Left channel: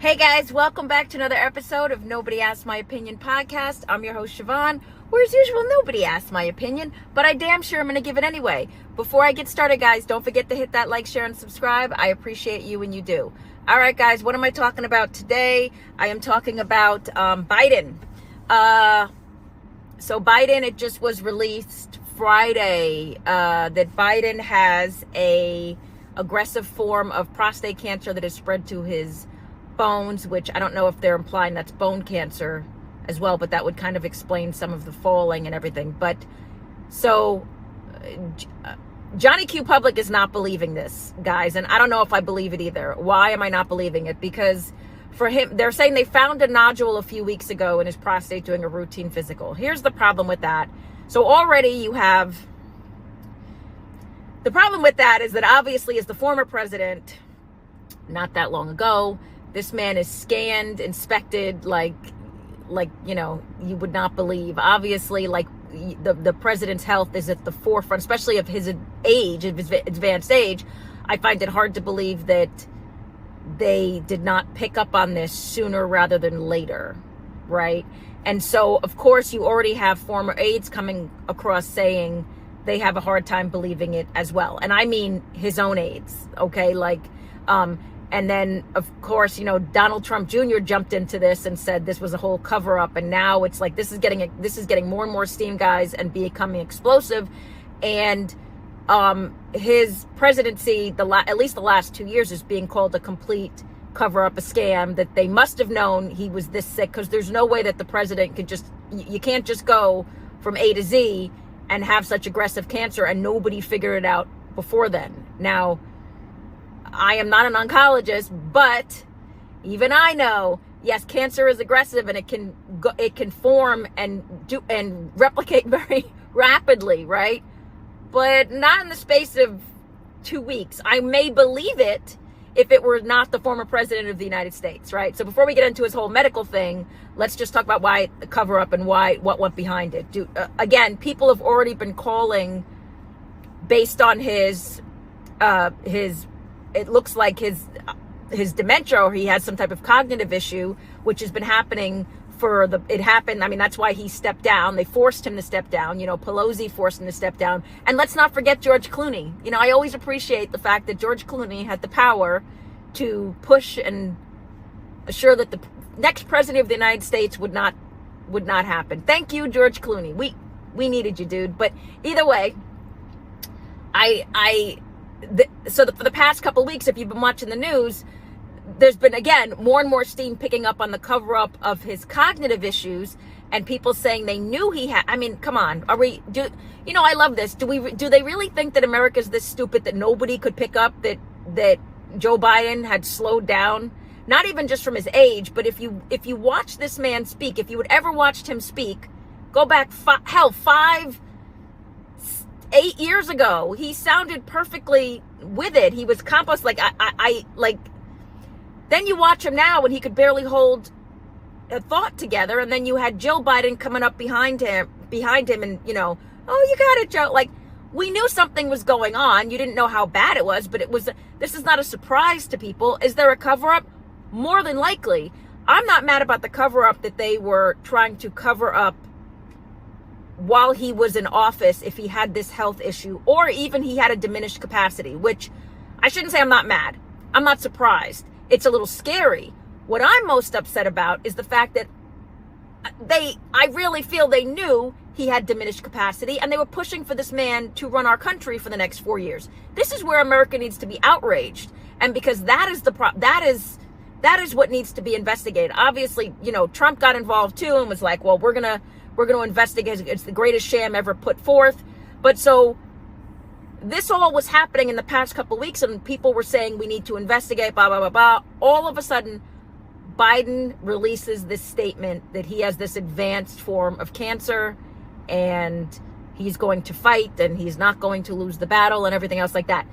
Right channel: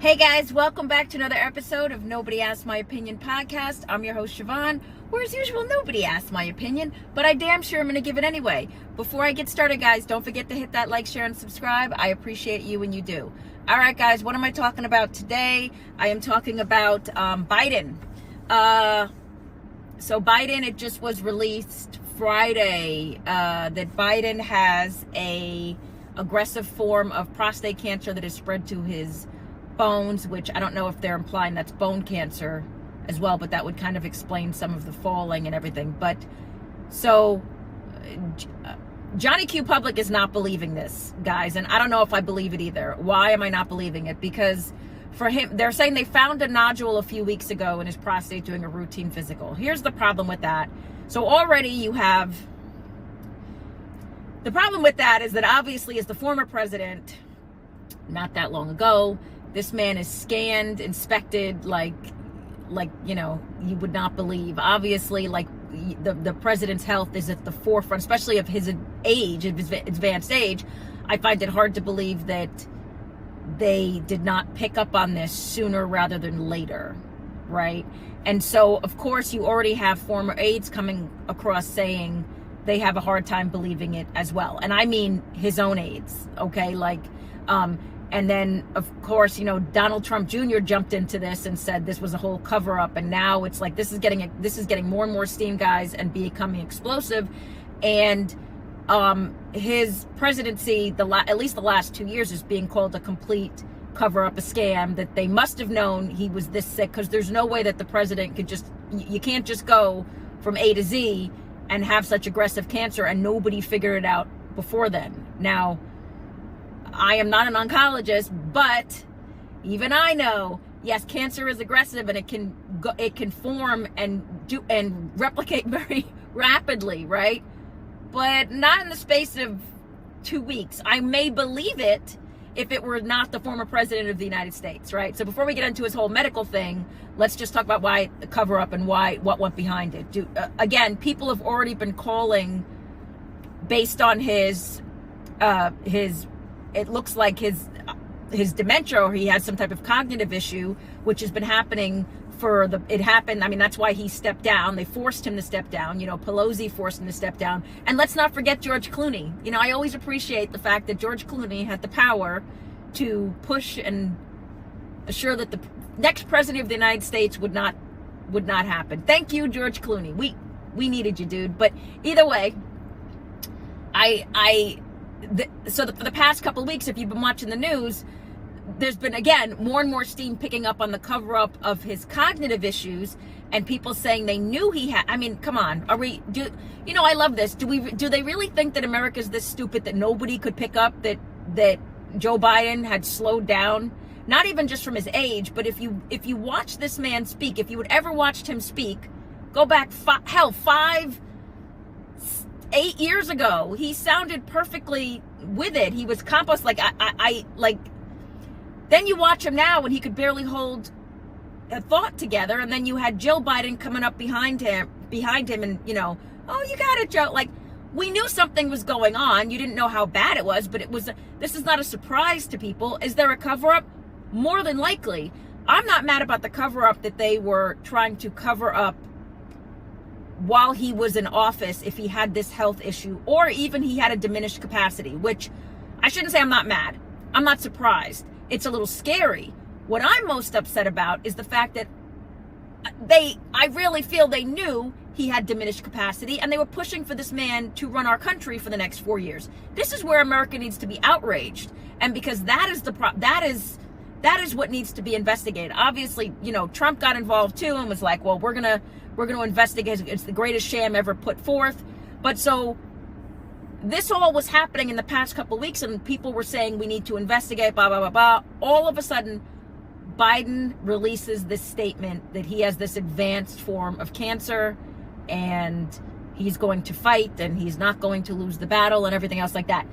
Hey guys, welcome back to another episode of Nobody Asked My Opinion podcast. I'm your host Siobhan, where as usual nobody asked my opinion, but I damn sure I'm going to give it anyway. Before I get started guys, don't forget to hit that like, share, and subscribe. I appreciate you when you do. Alright guys, what am I talking about today? I am talking about Biden. So Biden, it just was released Friday that Biden has a aggressive form of prostate cancer that is spread to his bones, which I don't know if they're implying that's bone cancer as well, but that would kind of explain some of the falling and everything. But so Johnny Q Public is not believing this, guys, and I don't know if I believe it either. Why am I not believing it? Because for him, they're saying they found a nodule a few weeks ago in his prostate doing a routine physical. Here's the problem with that. So already you have the problem with that is that obviously as the former president, not that long ago, this man is scanned, inspected, like you know, you would not believe. Obviously, like the president's health is at the forefront, especially of his age, of his advanced age. I find it hard to believe that they did not pick up on this sooner rather than later, right? And so, of course, you already have former aides coming across saying they have a hard time believing it as well. And I mean his own aides, okay? Like, and then, of course, you know, Donald Trump Jr. jumped into this and said this was a whole cover-up. And now it's like this is getting more and more steam, guys, and becoming explosive. And his presidency, at least the last 2 years, is being called a complete cover-up, a scam, that they must have known he was this sick, because there's no way that the president could you can't just go from A to Z and have such aggressive cancer and nobody figured it out before then. Now, I am not an oncologist, but even I know, yes, cancer is aggressive and it can form and replicate very rapidly, right? But not in the space of 2 weeks. I may believe it if it were not the former president of the United States, right? So before we get into his whole medical thing, let's just talk about why the cover up and what went behind it. Again, people have already been calling based on his it looks like his dementia, or he had some type of cognitive issue, which has been happening I mean, that's why he stepped down. They forced him to step down. You know, Pelosi forced him to step down. And let's not forget George Clooney. You know, I always appreciate the fact that George Clooney had the power to push and assure that the next president of the United States would not happen. Thank you, George Clooney. We needed you, dude. But either way, for the past couple of weeks, if you've been watching the news, there's been, again, more and more steam picking up on the cover-up of his cognitive issues, and people saying they knew he had. I mean, come on, I love this. Do they really think that America's this stupid that nobody could pick up that Joe Biden had slowed down? Not even just from his age, but if you watch this man speak, if you had ever watched him speak, go back 8 years ago, he sounded perfectly with it. He was composed. Like then you watch him now and he could barely hold a thought together. And then you had Jill Biden coming up behind him and, you know, oh, you got it, Joe. Like, we knew something was going on. You didn't know how bad it was, but this is not a surprise to people. Is there a cover up? More than likely. I'm not mad about the cover up that they were trying to cover up while he was in office, if he had this health issue, or even he had a diminished capacity, which I shouldn't say I'm not mad. I'm not surprised. It's a little scary. What I'm most upset about is the fact that I really feel they knew he had diminished capacity, and they were pushing for this man to run our country for the next 4 years. This is where America needs to be outraged. And because that is what needs to be investigated. Obviously, you know, Trump got involved too and was like, well, we're going to investigate. It's the greatest sham ever put forth. But so this all was happening in the past couple of weeks, and people were saying we need to investigate, blah, blah, blah, blah. All of a sudden, Biden releases this statement that he has this advanced form of cancer and he's going to fight and he's not going to lose the battle and everything else like that.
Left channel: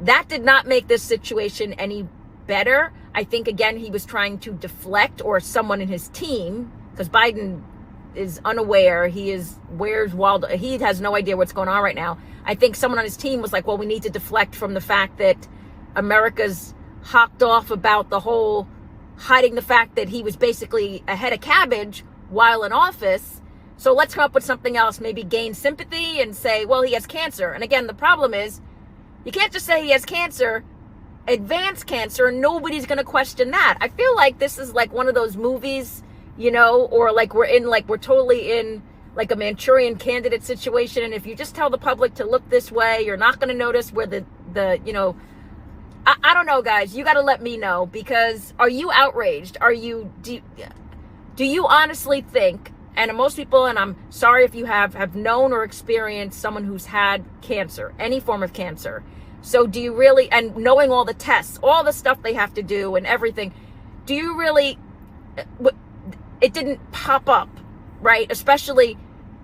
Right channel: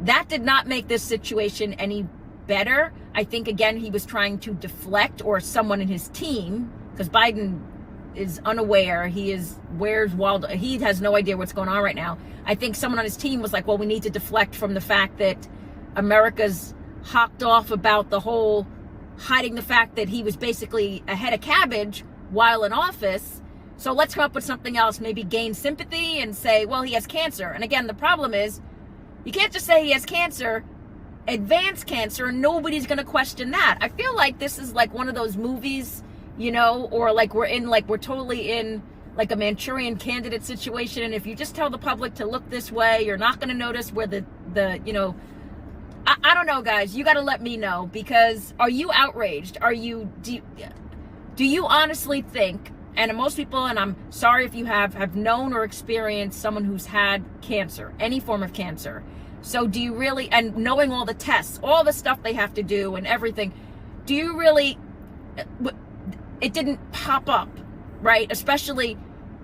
That did not make this situation any better. I think, again, he was trying to deflect, or someone in his team, because Biden is unaware. He has no idea what's going on right now. I think someone on his team was like, well, we need to deflect from the fact that America's hocked off about the whole hiding the fact that he was basically a head of cabbage while in office. So let's come up with something else, maybe gain sympathy and say, well, he has cancer. And again, the problem is you can't just say he has cancer, advanced cancer, and nobody's going to question that. I feel like this is like one of those movies, you know, or like we're totally in like a Manchurian Candidate situation. And if you just tell the public to look this way, you're not going to notice where the you know, I don't know, guys. You got to let me know, because are you outraged? Do you honestly think, and most people, and I'm sorry if you have known or experienced someone who's had cancer, any form of cancer. So do you really, and knowing all the tests, all the stuff they have to do and everything, do you really, it didn't pop up, right? Especially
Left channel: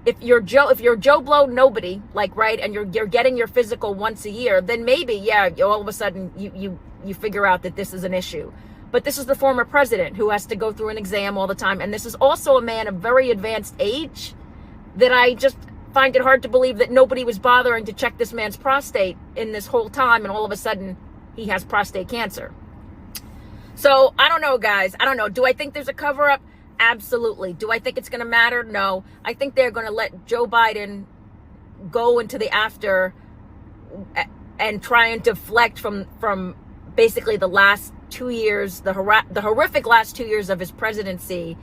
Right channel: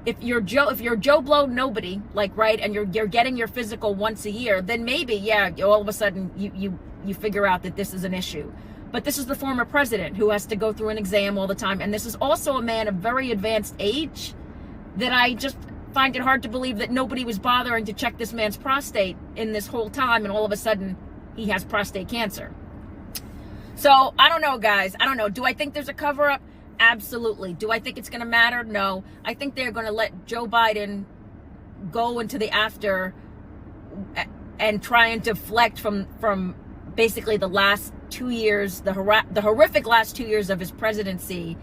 if you're Joe Blow nobody, like, right, and you're getting your physical once a year, then maybe, yeah, all of a sudden you figure out that this is an issue. But this is the former president who has to go through an exam all the time. And this is also a man of very advanced age that I just find it hard to believe that nobody was bothering to check this man's prostate in this whole time. And all of a sudden he has prostate cancer. So I don't know, guys. I don't know. Do I think there's a cover up? Absolutely. Do I think it's going to matter? No. I think they're going to let Joe Biden go into the after and try and deflect from basically the last 2 years, the horrific last 2 years of his presidency.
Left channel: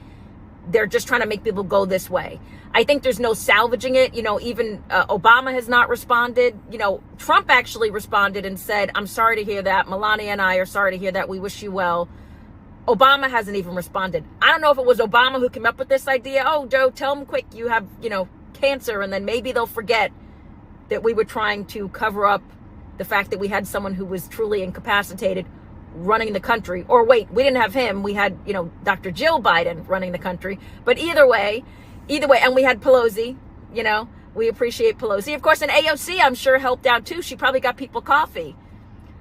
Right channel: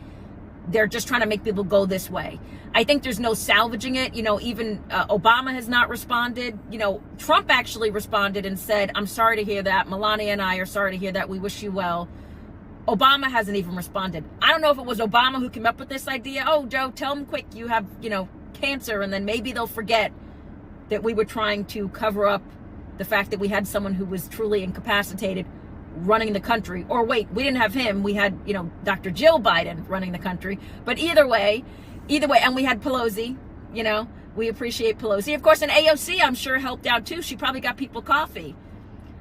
They're just trying to make people go this way. I think there's no salvaging it. You know, even Obama has not responded. You know, Trump actually responded and said, I'm sorry to hear that. Melania and I are sorry to hear that. We wish you well. Obama hasn't even responded. I don't know if it was Obama who came up with this idea. Oh, Joe, tell them quick you have, you know, cancer. And then maybe they'll forget that we were trying to cover up the fact that we had someone who was truly incapacitated running the country. Or wait, we didn't have him. We had, you know, Dr. Jill Biden running the country. But either way, and we had Pelosi, you know, we appreciate Pelosi. Of course, and AOC, I'm sure, helped out too. She probably got people coffee.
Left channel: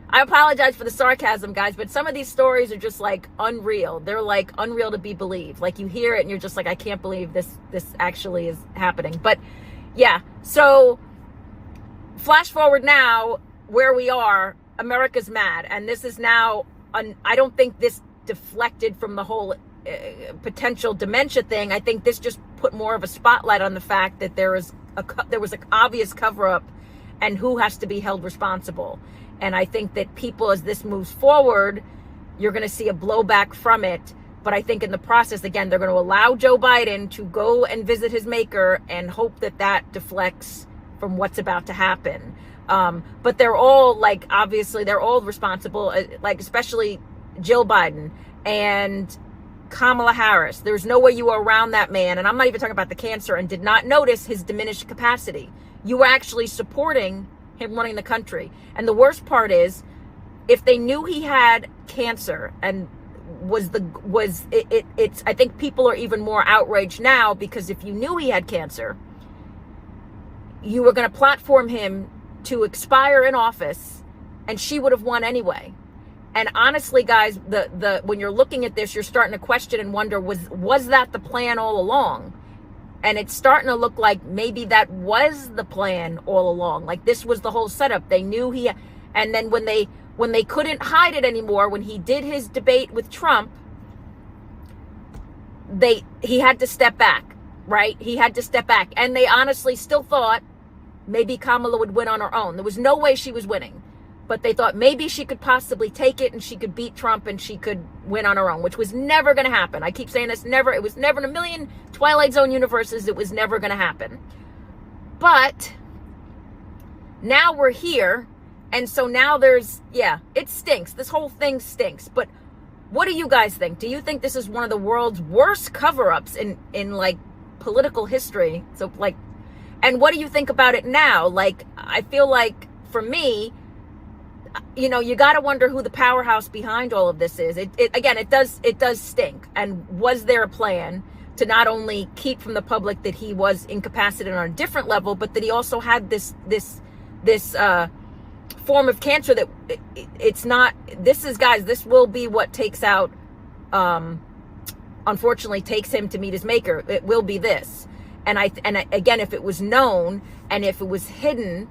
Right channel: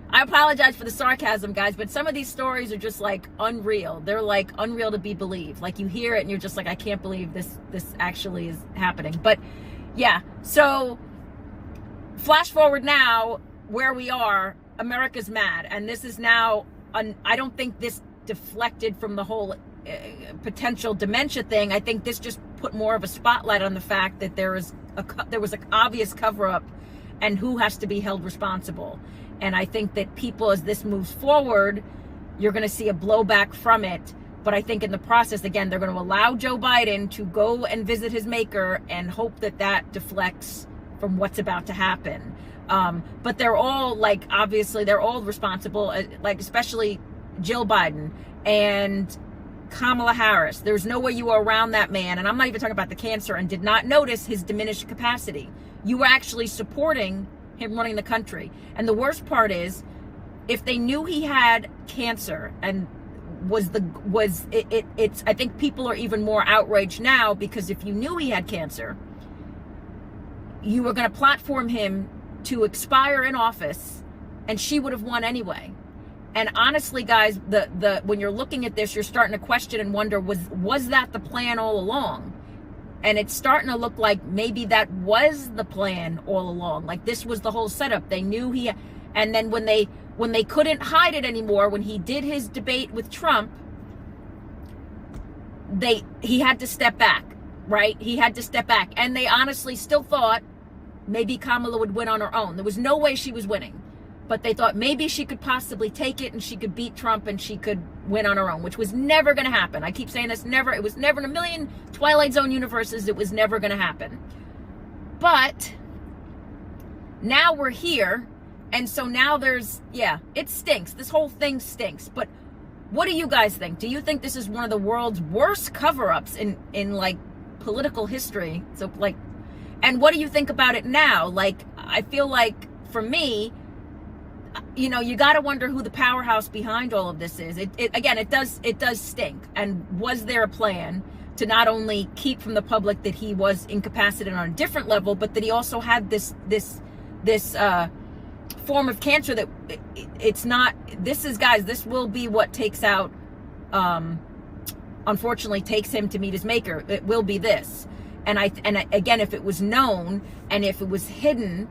I apologize for the sarcasm, guys, but some of these stories are just like unreal. They're like unreal to be believed. Like you hear it and you're just like, I can't believe this actually is happening. But yeah, so flash forward now where we are, America's mad. And this is now, I don't think this deflected from the whole potential dementia thing. I think this just put more of a spotlight on the fact that there was an obvious cover up and who has to be held responsible. And I think that people, as this moves forward, you're going to see a blowback from it. But I think in the process, again, they're going to allow Joe Biden to go and visit his maker and hope that that deflects from what's about to happen. But they're all, like, obviously, they're all responsible, like, especially Jill Biden and Kamala Harris. There's no way you were around that man. And I'm not even talking about the cancer, and did not notice his diminished capacity. You were actually supporting him running the country. And the worst part is, if they knew he had cancer and it's I think people are even more outraged now, because if you knew he had cancer, you were going to platform him to expire in office, and she would have won anyway. And honestly, guys, when you're looking at this, you're starting to question and wonder, was that the plan all along? And it's starting to look like maybe that was the plan all along. Like this was the whole setup. They knew and then when they couldn't hide it anymore, when he did his debate with Trump, he had to step back, right? He had to step back. And they honestly still thought maybe Kamala would win on her own. There was no way she was winning. But they thought maybe she could possibly take it and she could beat Trump and she could win on her own, which was never going to happen. I keep saying this, it was never in a million Twilight Zone universes, it was never going to happen. But now we're here, and so now it stinks. This whole thing stinks. But what do you guys think? Do you think this is one of the world's worst cover-ups in like political history? So like, and what do you think about it now? Like, I feel like for me, you know, you got to wonder who the powerhouse behind all of this is. It does stink. And was there a plan to not only keep from the public that he was incapacitated on a different level, but that he also had this form of cancer that this will be what takes out, unfortunately takes him to meet his maker. It will be this. And again, if it was known and if it was hidden,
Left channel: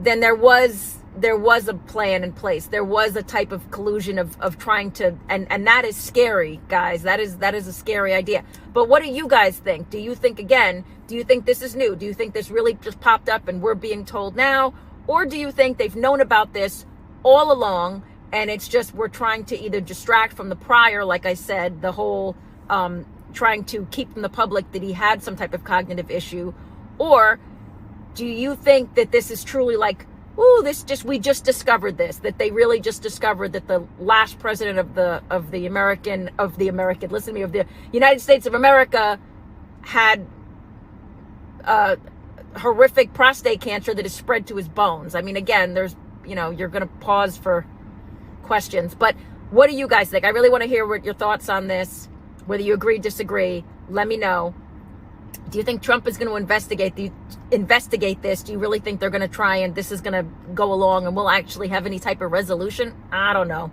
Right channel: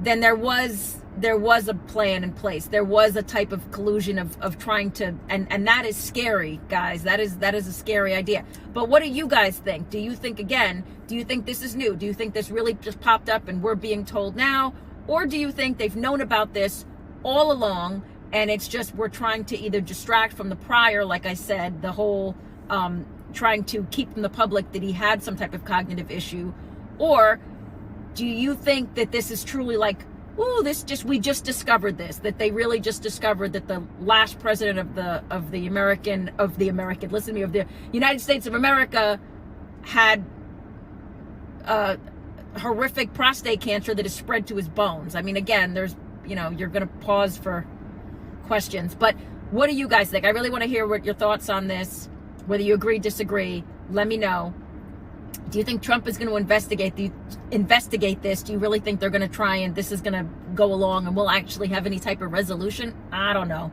then there was there was a plan in place. There was a type of collusion of trying to, and that is scary, guys. That is a scary idea. But what do you guys think? Do you think, again, do you think this is new? Do you think this really just popped up and we're being told now? Or do you think they've known about this all along and it's just we're trying to either distract from the prior, like I said, the whole trying to keep from the public that he had some type of cognitive issue? Or do you think that this is truly like, ooh, we just discovered this, that they really just discovered that the last president of the United States of America had horrific prostate cancer that is spread to his bones? I mean, again, there's, you're going to pause for questions, but what do you guys think? I really want to hear what your thoughts on this, whether you agree, disagree. Let me know. Do you think Trump is going to investigate this? Do you really think they're going to try and this is going to go along and we'll actually have any type of resolution? I don't know.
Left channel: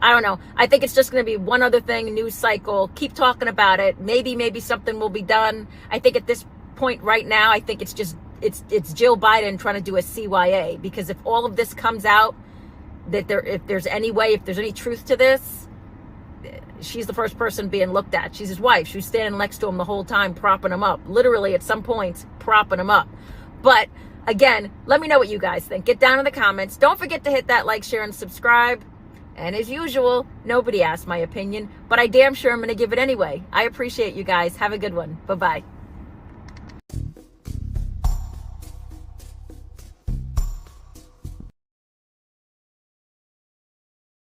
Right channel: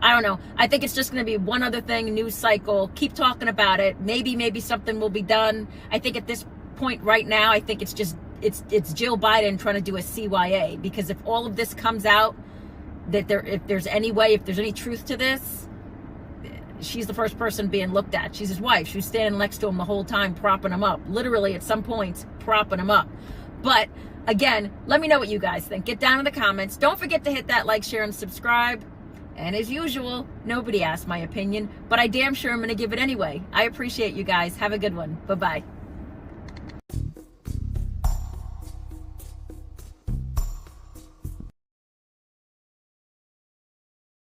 I think it's just going to be one other thing, news cycle. Keep talking about it. Maybe something will be done. I think at this point right now, I think it's it's Jill Biden trying to do a CYA, because if all of this comes out, that if there's any truth to this, she's the first person being looked at. She's his wife. She was standing next to him the whole time, propping him up. Literally, at some points, propping him up. But again, let me know what you guys think. Get down in the comments. Don't forget to hit that like, share, and subscribe. And as usual, nobody asked my opinion, but I damn sure I'm going to give it anyway. I appreciate you guys. Have a good one. Bye-bye.